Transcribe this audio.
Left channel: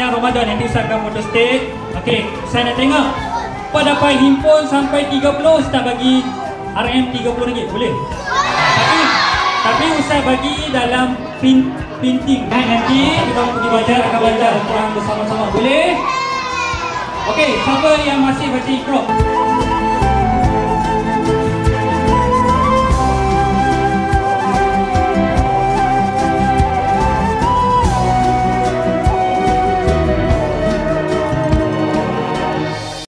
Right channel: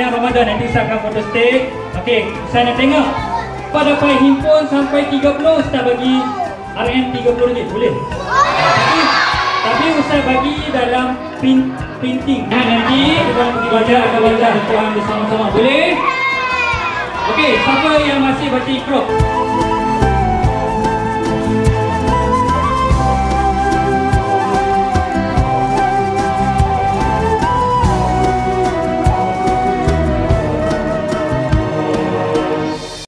sepanjang Ramadan. Nanti saya akan foto state. Okey, saya nak tengok Pak dapat himpun sampai 30, Ustaz bagi RM30 boleh? Tapi Ustaz bagi dalam printing. Nanti kita pergi belajar akan belajar Al-Quran bersama-sama. Boleh? Okey, siapa yang masih baca Iqra?